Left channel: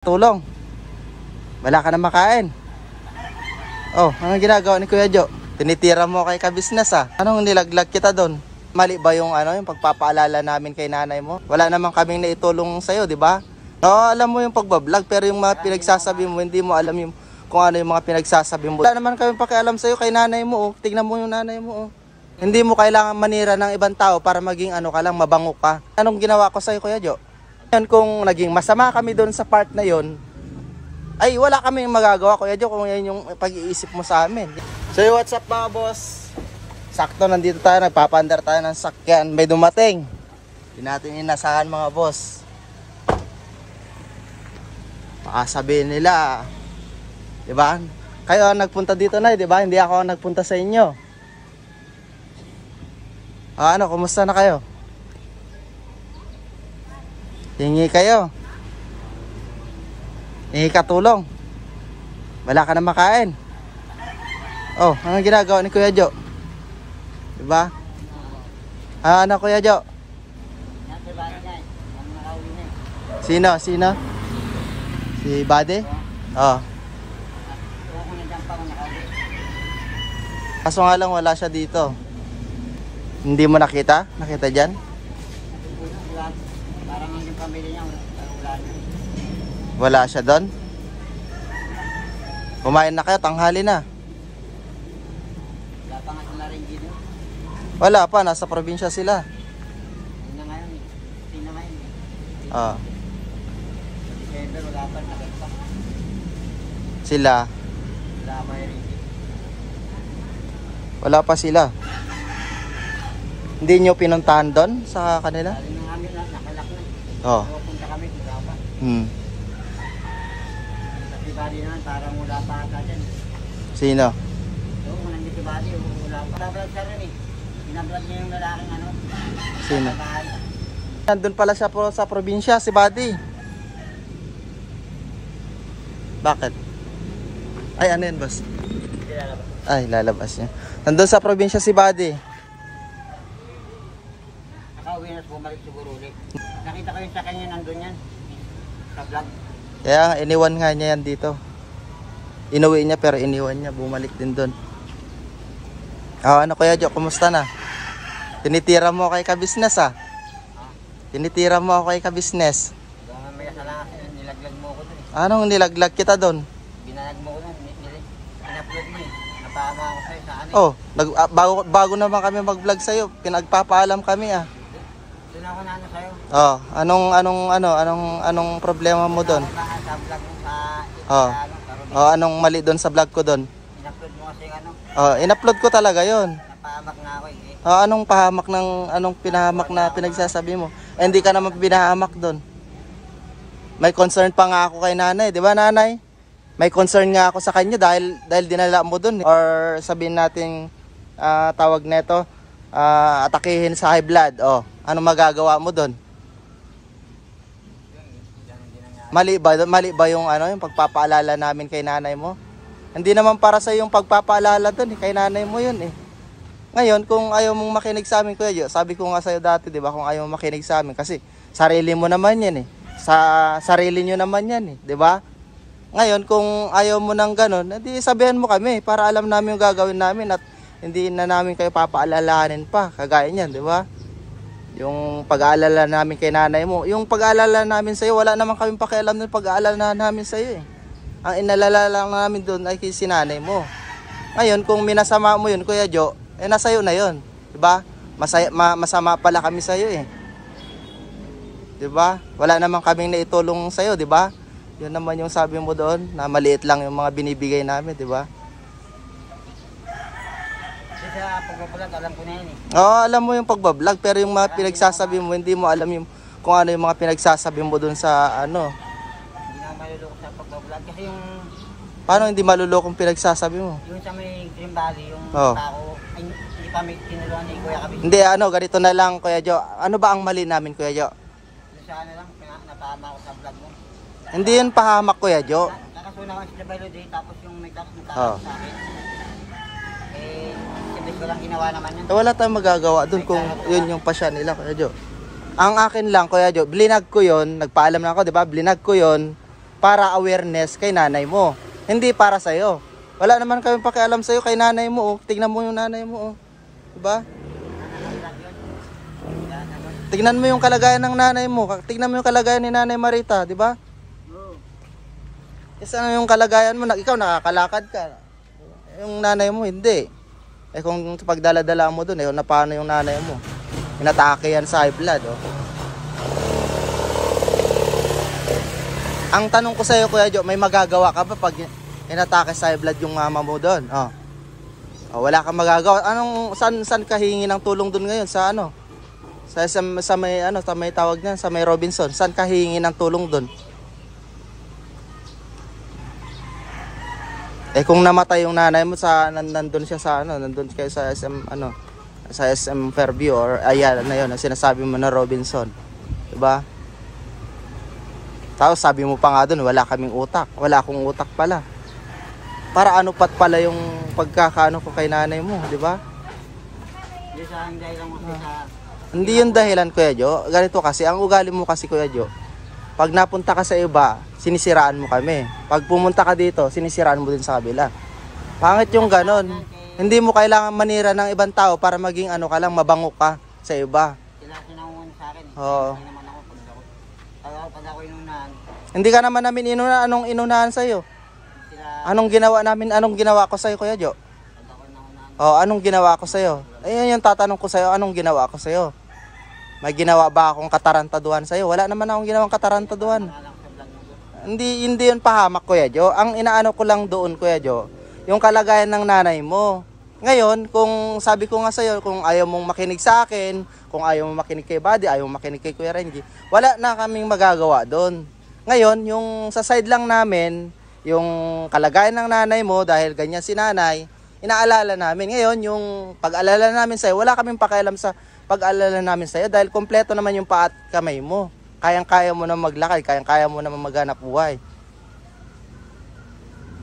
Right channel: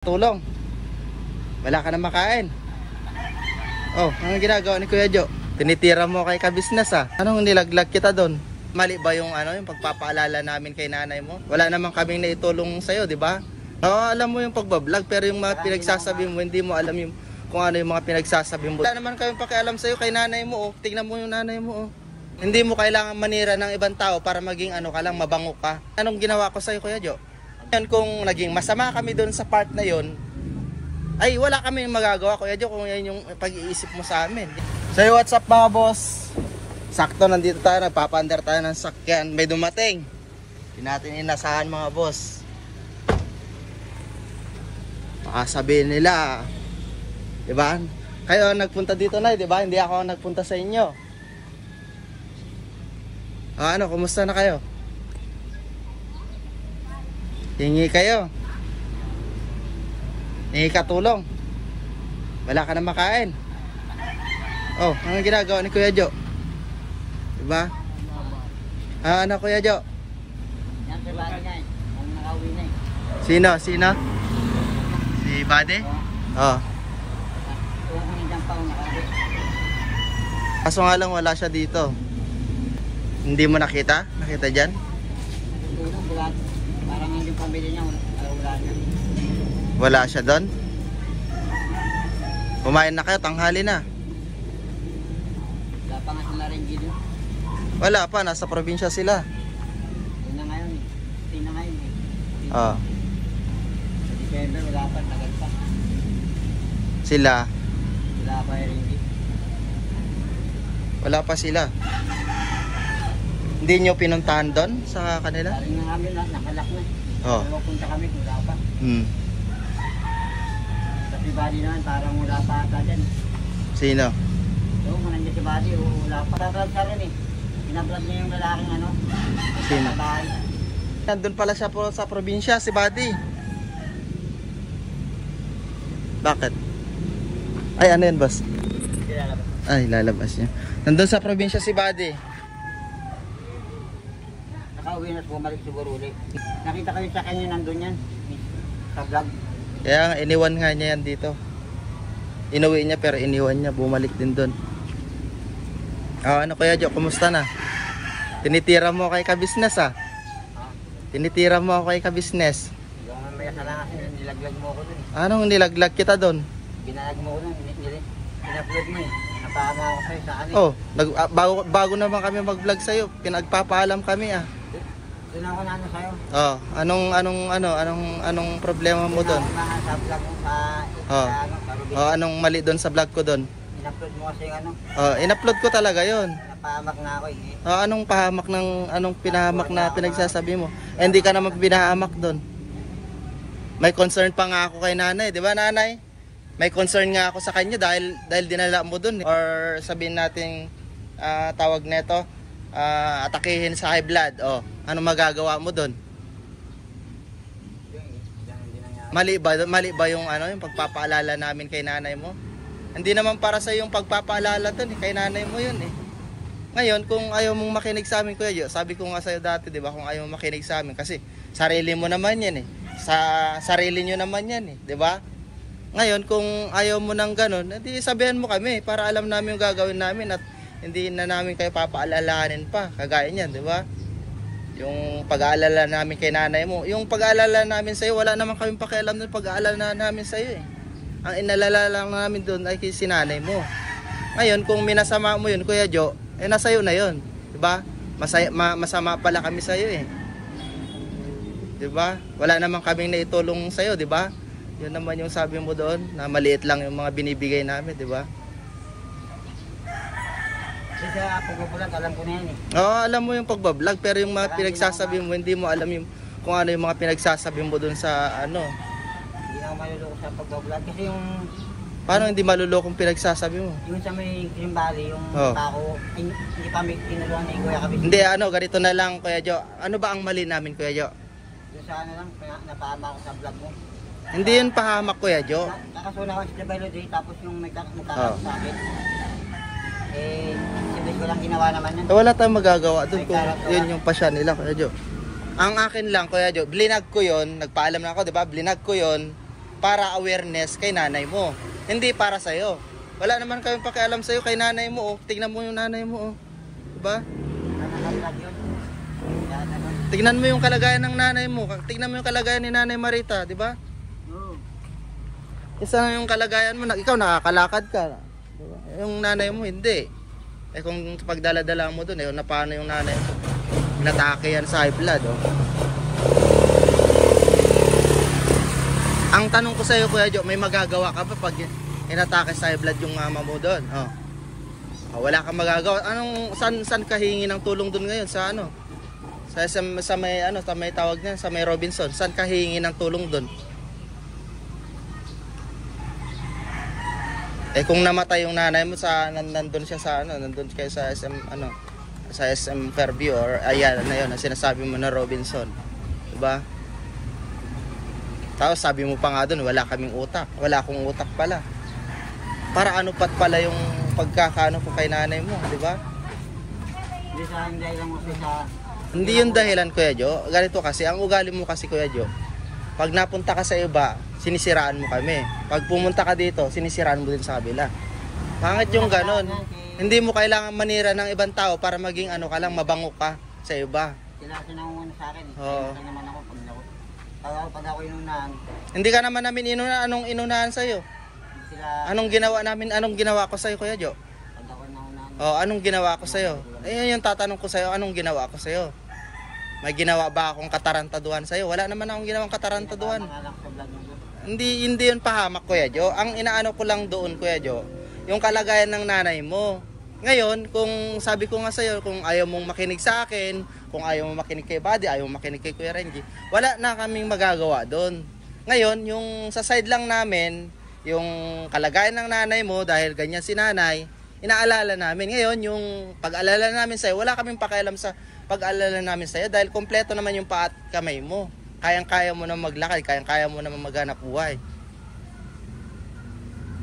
Tulong. Wala ka na makain. Oh, anong ginagawa ni Kuya Jo? Tinitira mo kay kabisnes ah. Anong nilaglag kita doon? Mali ba yung yung pagpapaalala namin kay nanay mo? Wala naman kaming naitulong sa'yo, di ba? Oo, alam mo yung pagbablog, pero yung mga pinagsasabi mo, hindi mo alam yung kung ano yung mga pinagsasabi mo. Wala naman kami pakialam sa'yo kay nanay mo. Oh. Tingnan mo yung nanay mo. Oh. Hindi mo kailangan manira ng ibang tao para maging ka lang, mabango ka. Anong ginawa ko sa'yo, Kuya Jo? Yan, kung naging masama kami doon sa part na yon, ay wala kami magagawa, Kuya Jo, kung yan yung pag-iisip mo sa amin. So what's up mga boss? Sakto nandito tayo, nagpapaandar tayo ng sakyan. May dumating. Hindi natin inasahan mga boss. Baka sabihin nila, diba? Kayo nagpunta dito na, diba? Hindi ako nagpunta sa inyo. Ano, kumusta na kayo? Hingi kayo. Hingi ka tulong. Wala ka na makain. Oh, anong ginagawa ni Kuya Jo? Diba? Ano Kuya Jo? Sino? Sino? Si Buddy? Oh. Kaso nga lang wala siya dito. Hindi mo nakita? Nakita dyan? Parang yung pamilya niya wala na. Wala siya doon? Kumain na kayo, tanghali na. Wala pa nga sa Naringgi doon. Wala pa, nasa probinsya sila. Yun na ngayon eh. Yun na ngayon eh. Oh. Sa December wala pa, tagal pa. Sila? Wala pa yung Ringgi. Wala pa sila. Hindi nyo pinuntahan doon sa kanila? Saling na kami, nakalak na. Oh. Punta kami, wala pa. Hmm. Sa si Buddy naman, parang wala pa ata dyan. Sino? So, kung nandiyan si Buddy, wala pa. Pinablog siya rin eh. Pinablog niya yung lalaking Sino? sa bahay. Nandun pala siya po sa probinsya, si Buddy. Bakit? Ay, ano yan, boss? Ay, lalabas niya. Nandun sa probinsya si Buddy. Nakauwi na, bumalik siguro ulit. Nakita kayo sa kanya nandun yan. Sa vlog. Kaya iniwan nga niya yan dito. Inuwi niya pero iniwan niya. Bumalik din doon. Ano Kuya Jo, kumusta na? Tinitira mo kay kabisnes ah. Tinitira mo ako kay kabisnes. Hanggang mamaya sa lang kasi nilaglag mo ako dun eh. Anong nilaglag kita doon? Binalag mo ko dun. In-upload mo eh. Napama ako sa'yo sa ano eh. Oh, bago naman kami mag-vlog sa'yo. Pinagpapaalam kami ah. Doon ako na ano sa'yo. Oh, anong problema mo doon? Doon ako sa vlog mo sa sa Rubin. Oh, anong mali doon sa vlog ko doon? In-upload mo kasi yung Oh, in-upload ko talaga 'yon. napahamak na ako eh. Oh, anong pahamak ng pinahamak na pinagsasabi mo? Eh, hindi ka naman pinahamak doon. May concern pa nga ako kay nanay, 'di ba nanay? May concern nga ako sa kanya dahil dinala mo doon or sabihin nating tawag nito atakihin sa high blood. Oh, ano magagawa mo doon? Mali ba yung yung pagpapaalala namin kay nanay mo? Hindi naman para sa yung pagpapaalala doon, kay nanay mo 'yun eh. Ngayon, kung ayaw mong makinig sa amin, Kuya Jo, sabi ko nga sa iyo dati, 'di ba, kung ayaw mong makinig sa amin kasi sarili mo naman 'yan eh. Sa sarili niyo naman 'yan eh, 'di ba? Ngayon, kung ayaw mo nang ganun, edi sabihan mo kami para alam namin yung gagawin namin at hindi na namin kayo papaalalahanin pa, kagaya niyan, 'di ba? Yung pag-aalala namin kay nanay mo, yung pag-aalala namin sa iyo, wala naman kaming pakialam ng pag-aalala namin sa iyo eh. Ang inalala lang namin doon ay kay sinanay mo. Ngayon, kung minasama mo 'yun, Kuya Jo, nasa iyo na 'yon, 'di ba? Masama pala kami sa iyo eh. 'Di ba? Wala naman kaming naitulong sa iyo, 'di ba? 'Yun naman yung sabi mo doon, na maliit lang yung mga binibigay namin, 'di ba? Kasi sa pagbablog, alam ko na yan eh. Oo, alam mo yung pagbablog, pero yung mga pinagsasabi mo, hindi mo alam yung kung ano yung mga pinagsasabi mo doon sa Hindi na ako maluloko sa pagbablog kasi yung... Paano hindi malulokong pinagsasabi mo? Yung sa may Green Valley, yung tao, ay hindi pa may tinulungan ni Kuya Kabis. Hindi, ganito na lang, Kuya Jo. Ano ba ang mali namin, Kuya Jo? Yung sa ano lang, napahama ako sa vlog mo. Hindi yun pahamak, Kuya Jo. Nakasuna ko sa Bello Day, tapos yung may sa akin. Eh, sibis ko lang ginawa naman yan. Wala tayong magagawa doon kung yun yung pasya nila, Kuya Jo. Ang akin lang, Kuya Jo, blinag ko yun, nagpaalam na ako, di ba? Blinag ko yun para awareness kay nanay mo. Hindi para sa'yo. Wala naman kami pakialam sa'yo kay nanay mo. Oh. Tignan mo yung nanay mo. Oh. Diba? Tignan mo yung kalagayan ng nanay mo. Tignan mo yung kalagayan ni Nanay Marita. Diba? Isa na yung kalagayan mo. Ikaw nakakalakad ka. Diba? Yung nanay mo hindi. Eh kung pagdala-dala mo dun, na paano yung nanay mo? Inatake yan sa high blood. Oh. Ang tanong ko sa iyo, Kuya Jo, may magagawa ka ba pag inatake sa high blood yung mama mo doon? Oh. Oh, wala kang magagawa. Saan ka hingi ng tulong doon ngayon sa ano? Sa may tawag niyan, sa may Robinson. Saan ka hingi ng tulong doon? Eh kung namatay yung nanay mo nandun siya sa nandun kayo sa SM Fairview or ayan na yun, ang sinasabi mo na Robinson. 'Di ba? Tapos sabi mo pa nga doon, wala kaming utak. Wala akong utak pala. Para ano pat pala yung pagkakaano ko kay nanay mo, di ba? Hindi sa dahilan mo sa... Hindi yung dahilan, Kuya Jo. Ganito kasi, ang ugali mo kasi, Kuya Jo, pag napunta ka sa iba, sinisiraan mo kami. Pag pumunta ka dito, sinisiraan mo din sa kabila. Pangit yung ganon. Hindi mo kailangan manira ng ibang tao para maging ano ka lang, mabango ka sa iba. Sila sinangunguna sa akin. Oo. Naman ako pag ako inunahan. Hindi ka naman namin inunahan. Anong inunahan sa'yo? Sila, Anong ginawa namin? Anong ginawa ko sa'yo, Kuya Jo? pag ako naunahan. Oh, anong ginawa ko sa'yo? Ayun yung tatanong ko sa'yo, anong ginawa ko sa'yo? May ginawa ba akong katarantaduhan sa'yo? Wala naman akong ginawang katarantaduhan. Hindi yun pahamak, Kuya Jo. Ang inaano ko lang doon, Kuya Jo, yung kalagayan ng nanay mo. Ngayon, kung sabi ko nga sa'yo, kung ayaw mong makinig sa akin, kung ayaw mong makinig kay Buddy, ayaw mong makinig kay Kuya Renji, wala na kaming magagawa doon. Ngayon, yung sa side lang namin, yung kalagayan ng nanay mo, dahil ganyan si nanay, inaalala namin. Ngayon, yung pag-alala namin sa'yo, wala kaming pakialam sa pag-alala namin sa'yo, dahil kompleto naman yung paa at kamay mo. Kayang-kaya mo na maglakad, kayang-kaya mo na maghanap buhay.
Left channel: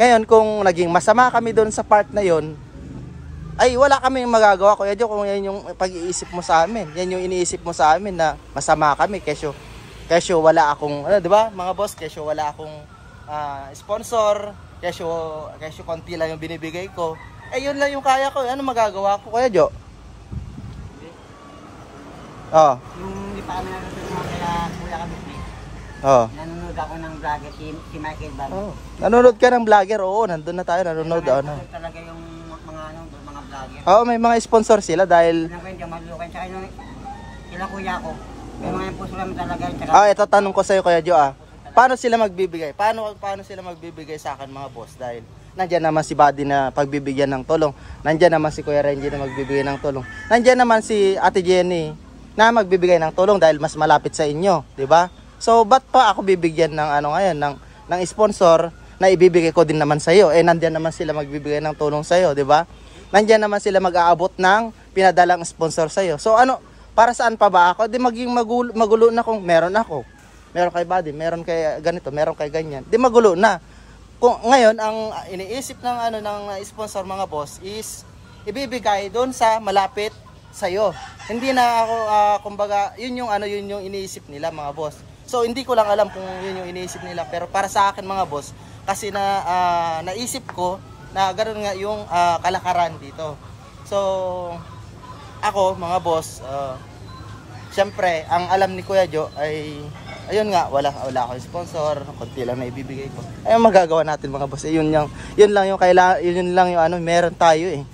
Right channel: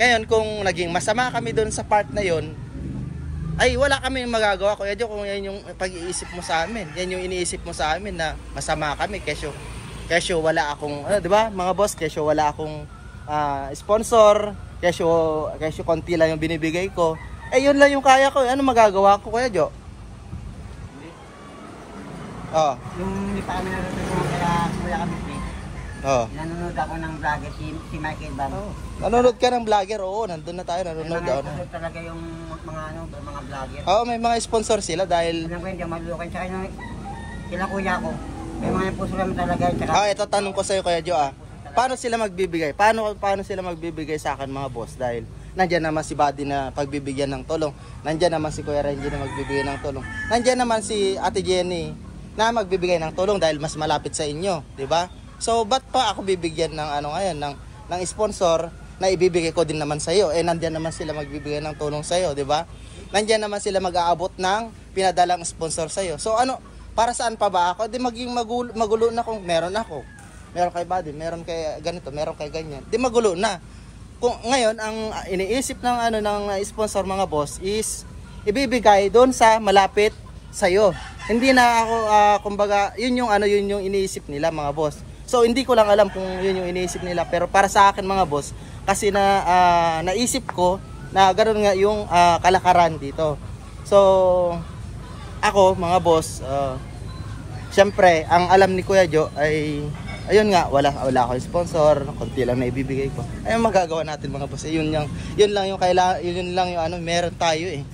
Ngayon, kung naging masama kami doon sa part na yon, ay wala kami magagawa, Kuya Jo, kung yan yung pag-iisip mo sa amin. Yan yung iniisip mo sa amin na masama kami, kesyo wala akong, di ba mga boss, kesyo wala akong sponsor, kesyo konti lang yung binibigay ko. Eh yun lang yung kaya ko, ano magagawa ko, Kuya Jo? Oh. Yung hindi pa kami natutulungan kala Kuya Kabisnes. Oh. Nanonood ako ng vlogger si Michael Bam. Oh. Nanonood ka ng vlogger? Oo, nandun na tayo, nanonood ako na. Talaga yung mga vlogger. Oo, may mga sponsor sila dahil Alam ko hindi malukan sa kanya. Sila kuya ko. May mga puso naman talaga tsaka. ito tanong ko sa iyo, Kuya Jo, paano sila magbibigay? Paano sila magbibigay sa akin, mga boss? Dahil nandiyan naman si Buddy na pagbibigyan ng tulong. Nandiyan naman si Kuya Renji na magbibigay ng tulong. Nandiyan naman si Ate Jenny na magbibigay ng tulong dahil mas malapit sa inyo, 'di ba? So, ba't pa ako bibigyan ng ngayon ng sponsor na ibibigay ko din naman sa iyo? Eh nandiyan naman sila magbibigay ng tulong sa iyo, 'di ba? Nandiyan naman sila mag-aabot ng pinadalang sponsor sa iyo. So para saan pa ba ako? Di maging magulo na kung meron ako. Meron kay Buddy, meron kay ganito, meron kay ganyan. Di magulo na. Kung ngayon ang iniisip ng ng sponsor, mga boss, is ibibigay doon sa malapit sa iyo. Hindi na ako kumbaga, yun yung iniisip nila, mga boss. So hindi ko lang alam kung yun yung iniisip nila, pero para sa akin, mga boss, kasi naisip ko na ganoon nga yung kalakaran dito. So ako, mga boss, syempre ang alam ni Kuya Jo ay ayun nga, wala akong sponsor, konti lang na ibibigay ko. Ay magagawa natin, mga boss. Yun lang yung kailangan, yun lang yung meron tayo eh.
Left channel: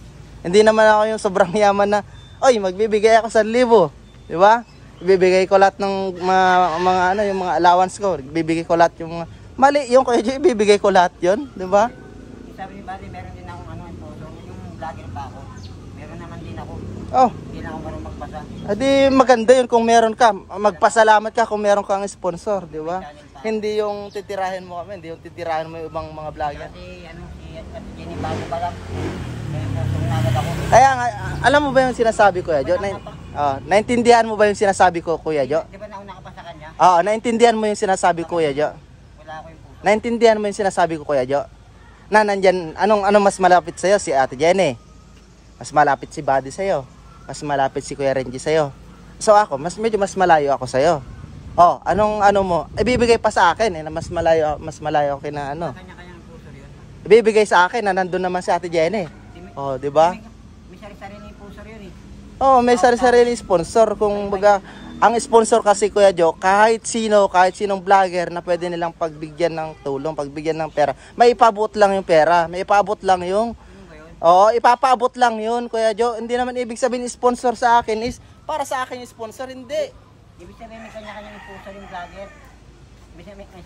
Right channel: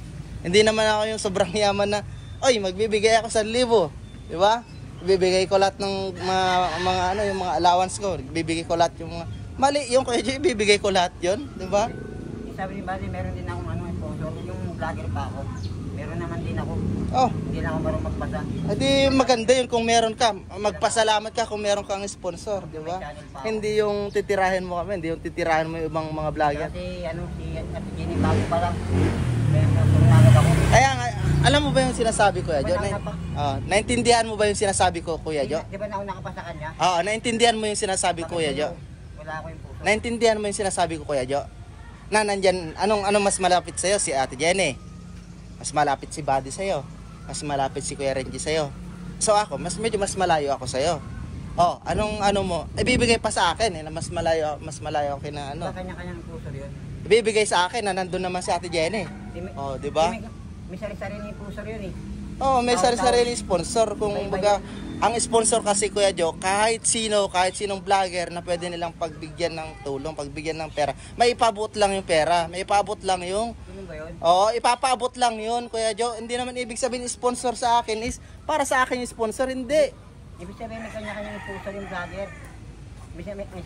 Hindi naman ako yung sobrang yaman na oy, magbibigay ako 1,000, di ba? Ibibigay ko lahat ng mga yung mga allowance ko. Ibibigay ko lahat yung mali, yung Kuya Jo, ibibigay ko lahat 'yon, di ba? Sabi ni Buddy, meron din akong sponsor, yung vlogger pa ako. Meron naman din ako. Oh. Hindi na ako marunong magpasa. Adi maganda 'yun kung meron ka. Magpasalamat ka kung meron kang sponsor, di ba? Hindi yung titirahin mo kami, hindi yung titirahin mo yung ibang mga vlogger. Si Ate Jenny bago pa lang. May sponsor na agad ako. Kaya nga, alam mo ba yung sinasabi ko, Kuya Jo? Naintindihan mo ba yung sinasabi ko, Kuya Jo? Di ba nauna ka pa sa kanya? Oo, naintindihan mo yung sinasabi ko, Kuya Jo? Wala ako yung puso. Naintindihan mo yung sinasabi ko, Kuya Jo? Na nandyan, anong mas malapit sa'yo? Si Ate Jenny. Mas malapit si Buddy sa'yo. Mas malapit si Kuya Renji sa'yo. So ako, medyo mas malayo ako sa'yo. Oh, anong ano mo? Ibibigay pa sa akin na mas malayo ako na ano. Sa kanya-kanyang puso yun. Ibibigay sa akin na nandun naman si Ate Jenny. Oh, di ba? May sari-sari ni puso yun eh. Oh, may sarili sponsor. Kung baga, ang sponsor kasi Kuya Joe, kahit sinong vlogger na pwede nilang pagbigyan ng tulong, pagbigyan ng pera, may ipabot lang yung pera, may ipabot lang yung... Ganun ba yun? Oo, ipapaabot lang yun, Kuya Joe. Hindi naman ibig sabihin sponsor sa akin is para sa akin yung sponsor, hindi. Ibig sabihin may kanya-kanyang puso yung vlogger.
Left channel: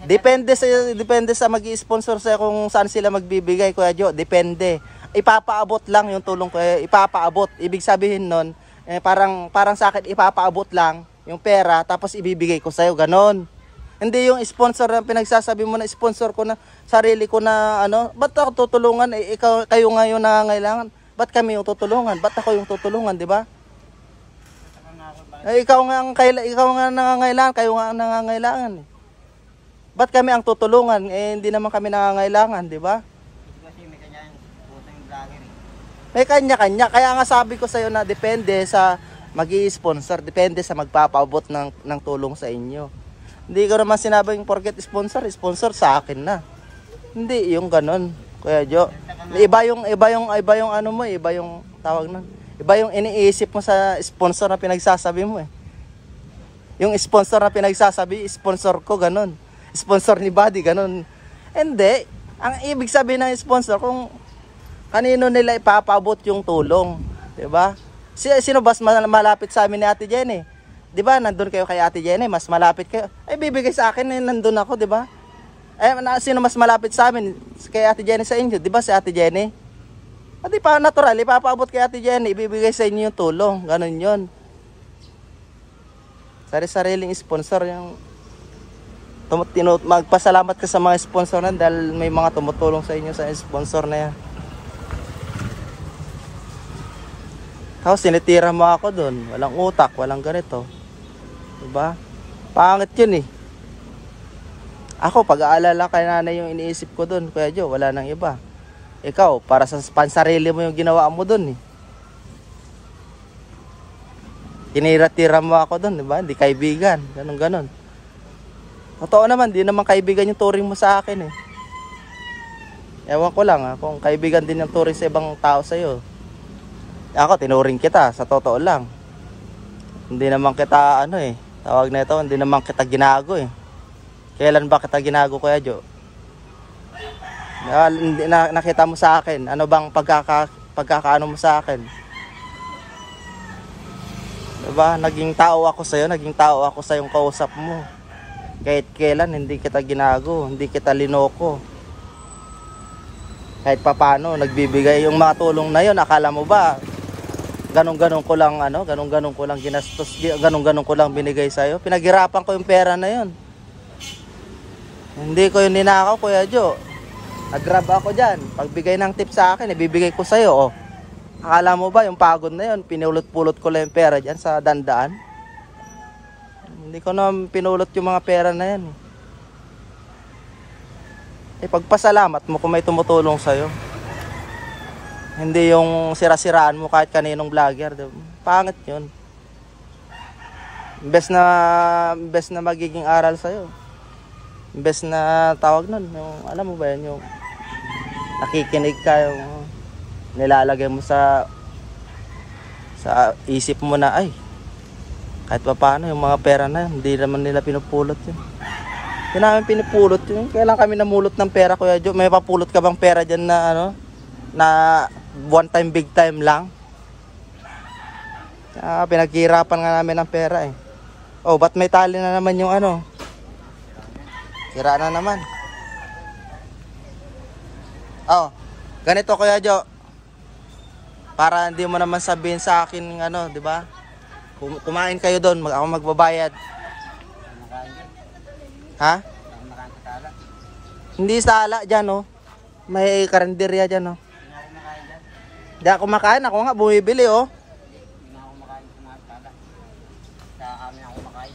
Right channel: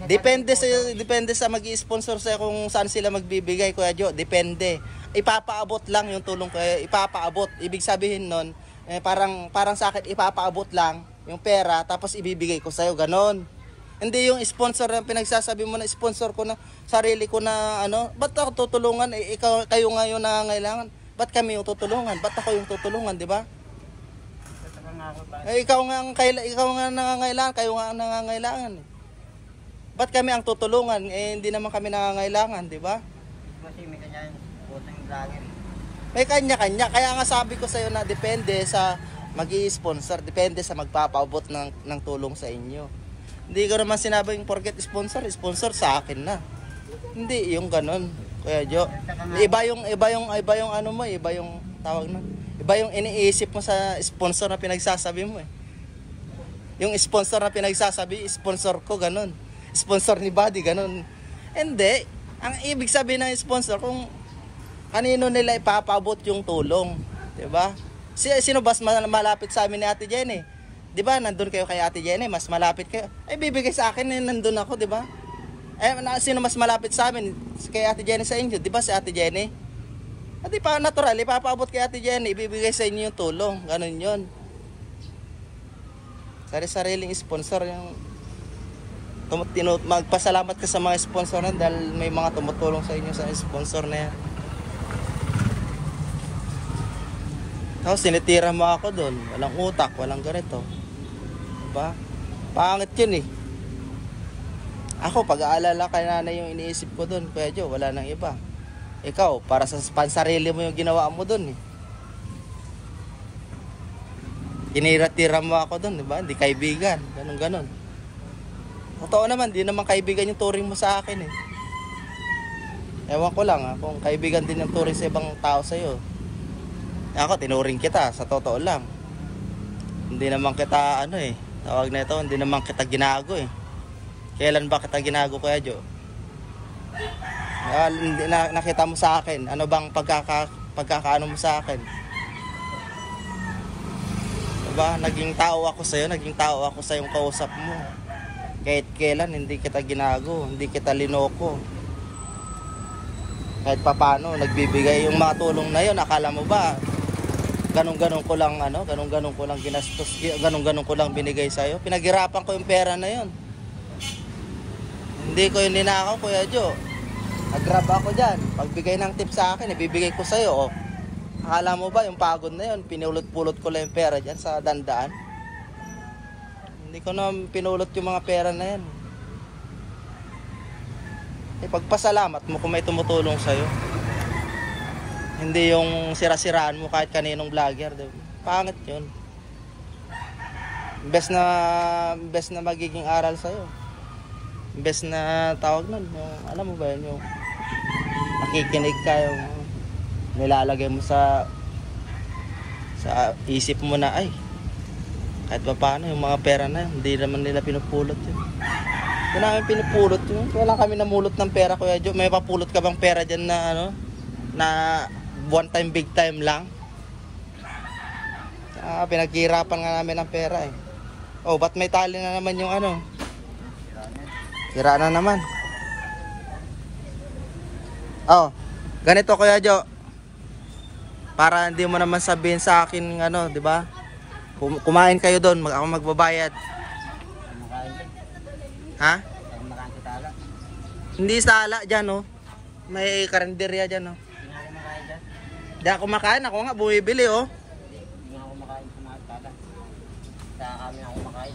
Depende sa magi-sponsor sa kung saan sila magbibigay, Kuya Joe. Depende. Ipapaabot lang yung tulong ko, ipapaabot. Ibig sabihin nun, parang sa akin ipapaabot lang yung pera tapos ibibigay ko sa iyo, ganon. Hindi yung sponsor na pinagsasabi mo na sponsor ko na sarili ko na ano, ba't ako tutulungan? Kayo nga yung nangangailangan. Ba't kami yung tutulungan? Ba't ako yung tutulungan, di ba? Ikaw nga nangangailangan, kayo nga ang nangangailangan. Ba't kami ang tutulungan? Hindi naman kami nangangailangan, di ba? Kasi may kanya puso yung vlogger eh. May kanya-kanya. Kaya nga sabi ko sa iyo na depende sa magi-sponsor, depende sa magpapaabot ng tulong sa inyo. Hindi ko naman sinabing forget sponsor sa akin na. Hindi yung ganon, Kuya Joe. Iba yung ano mo, iba yung tawag na. Iba yung iniisip mo sa sponsor na pinagsasabi mo eh. Yung sponsor na pinagsasabi, sponsor ko ganon. Sponsor ni Buddy ganon. Hindi. Ang ibig sabihin ng sponsor kung kanino nila ipapaabot yung tulong, 'di ba? Sino ba malapit sa amin ni Ate Jenny? 'Di ba? Nandun kayo kay Ate Jenny, mas malapit kayo. Bibigay sa akin nandun ako, 'di ba? Sino mas malapit sa amin kay Ate Jenny sa inyo? 'Di ba si Ate Jenny? At pa natural, ipapaabot kay Ate Jenny, ibibigay sa inyo yung tulong, ganun 'yon. Sari-sariling sponsor yung magpasalamat ka sa mga sponsor na dahil may mga tumutulong sa inyo sa sponsor na yan. Tapos sinitira mo ako doon, walang utak, walang ganito, diba? Pangit yun eh. Ako pag-aalala kay nanay yung iniisip ko doon, Kuya Joe, wala nang iba. Ikaw para sa pansarili mo yung ginawa mo doon eh. Kinira-tira mo ako doon, diba? Hindi kaibigan, ganun. Totoo naman, di naman kaibigan yung turing mo sa akin eh. Ewan ko lang kung kaibigan din yung turing sa ibang tao sa'yo. Ako, tinuring kita, sa totoo lang. Hindi naman kita, tawag na ito, hindi naman kita ginago eh. Kailan ba kita ginago, Kuya Joe? Nakita mo sa akin, ano bang pagkakaano mo sa akin? Diba, naging tao ako sa yung kausap mo. Kahit kailan hindi kita ginago, hindi kita linoko. Kahit papano nagbibigay yung mga tulong na yon, akala mo ba ganun-ganun ko lang ginastos, ganun-ganun ko lang binigay sa iyo? Pinaghirapan ko yung pera na yon. Hindi ko yun ninakaw, Kuya Joe. Nag-grab ako diyan. Pagbigay ng tip sa akin, ibibigay ko sa iyo, oh. Akala mo ba yung pagod na yon, pinulot-pulot ko lang yung pera diyan sa dandaan? Hindi ko na pinulot yung mga pera na yan. Pagpasalamat mo kung may tumutulong sa'yo. Hindi yung sira-siraan mo kahit kaninong vlogger. Pangit yun. Imbes na magiging aral sa'yo. Imbes na tawag nun. Alam mo ba yun? Yung nakikinig ka. Yung nilalagay mo sa isip mo na kahit pa paano yung mga pera na hindi naman nila pinupulot yun. Hindi namin pinupulot yun. Kailan kami namulot ng pera, Kuya Joe? May papulot ka bang pera dyan na na one time big time lang? Pinaghirapan nga namin ng pera eh. Oh, ba't may tali na naman yung sira na naman. Oh, ganito, Kuya Joe. Para hindi mo naman sabihin sa akin di ba? Kumain kayo doon, ako magbabayad. Ha? Kumakain sa tala. Hindi sa ala dyan, oh. May karinderya dyan, oh. Hindi na kumakain dyan. Hindi ako kumakain, ako nga bumibili, oh. Hindi na kumakain sa mga tala. Sa amin ako kumakain.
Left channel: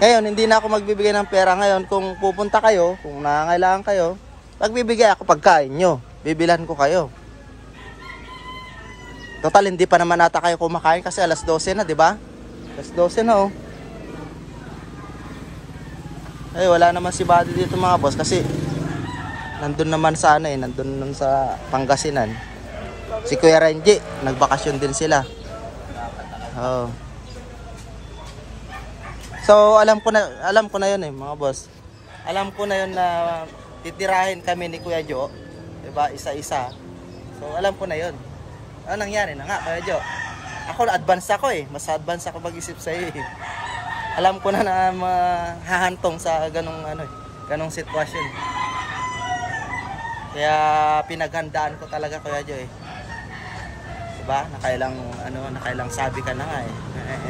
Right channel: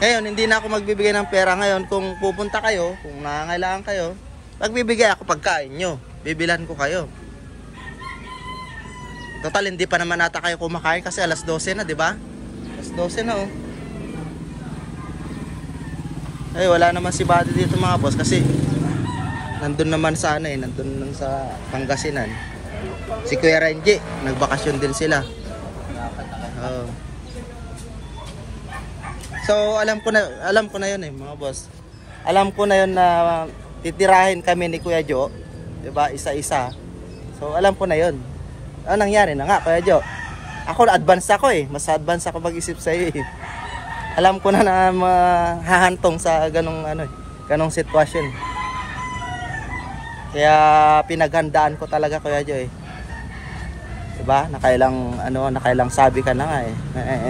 Ngayon, hindi na ako magbibigay ng pera ngayon. Kung pupunta kayo, kung nangangailangan kayo, magbibigay ako pagkain nyo. Bibilan ko kayo. Total, hindi pa naman nata kayo kumakain kasi alas 12 na, di ba? Alas 12 na, oh. Eh, wala naman si Buddy dito mga boss kasi nandun naman sa ano eh, nandun naman sa Pangasinan. Si Kuya Renji, nagbakasyon din sila. Oh. So alam ko na yun eh mga boss. Alam ko na yun na titirahin kami ni Kuya Jo, 'di ba? Isa-isa. So alam ko na yun. Ano nangyari na nga Kuya Jo? Ako advance ako eh, mas advance ako mag-isip sa iyo eh. Alam ko na mahahantong sa ganong ano eh, ganong sitwasyon. Kaya pinaghandaan ko talaga Kuya Jo eh. Diba? Nakailang sabi ka na nga eh.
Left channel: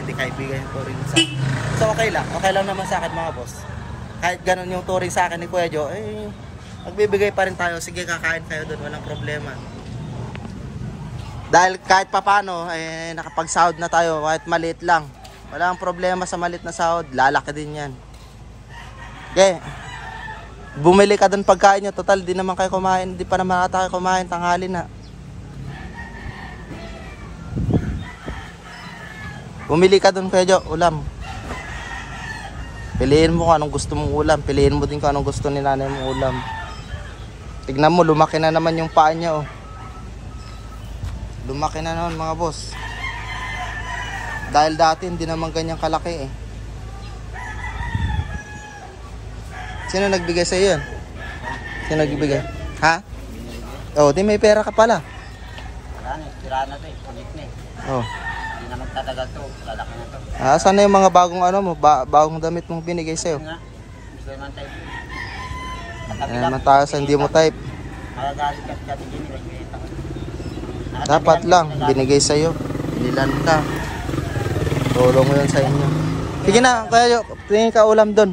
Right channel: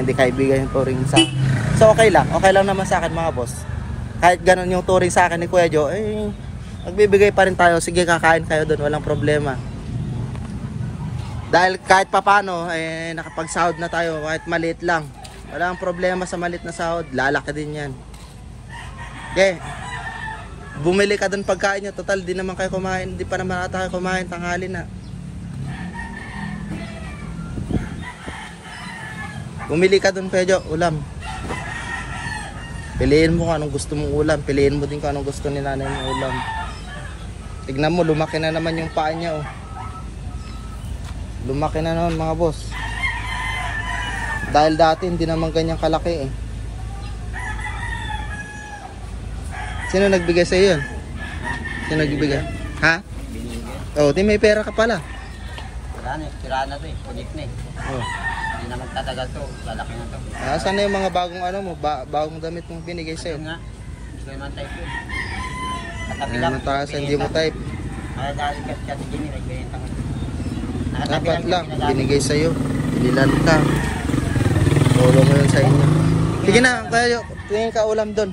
Hindi kaibigan yung turing sa. So okay lang naman sa akin mga boss. Kahit ganun yung turing sa akin ni Kuya Jo, eh magbibigay pa rin tayo. Sige, kakain kayo doon, walang problema. Dahil kahit papano eh nakapagsahod na tayo kahit maliit lang. Walang problema sa maliit na sahod, lalaki din 'yan. Okay. Bumili ka doon pagkain nyo, total di naman kayo kumain, di pa naman ata kayo kumain, tanghali na. Bumili ka doon Kuya Jo, ulam. Piliin mo kung anong gusto mong ulam, piliin mo din kung anong gusto ni nanay mong ulam. Tignan mo, lumaki na naman yung paa niya oh. Lumaki na naman mga boss. Dahil dati hindi naman ganyan kalaki eh. Sino nagbigay sa iyo yun? Sino nagbigay? Ha? Oh, di may pera ka pala. Tira na to eh, punit na eh. Oh. Hindi na magtatagal to, lalaki na to. Ah, saan na yung mga bagong ano mo, bagong damit mong binigay sa'yo? Nga, hindi ko naman type yun. Mataas, hindi mo type. Nakagalit kasi din, nagbenta ko. Dapat lang, binigay sa'yo. Pililan ka. Tulong mo yun sa inyo. Sige na, kaya tingin ka ulam doon.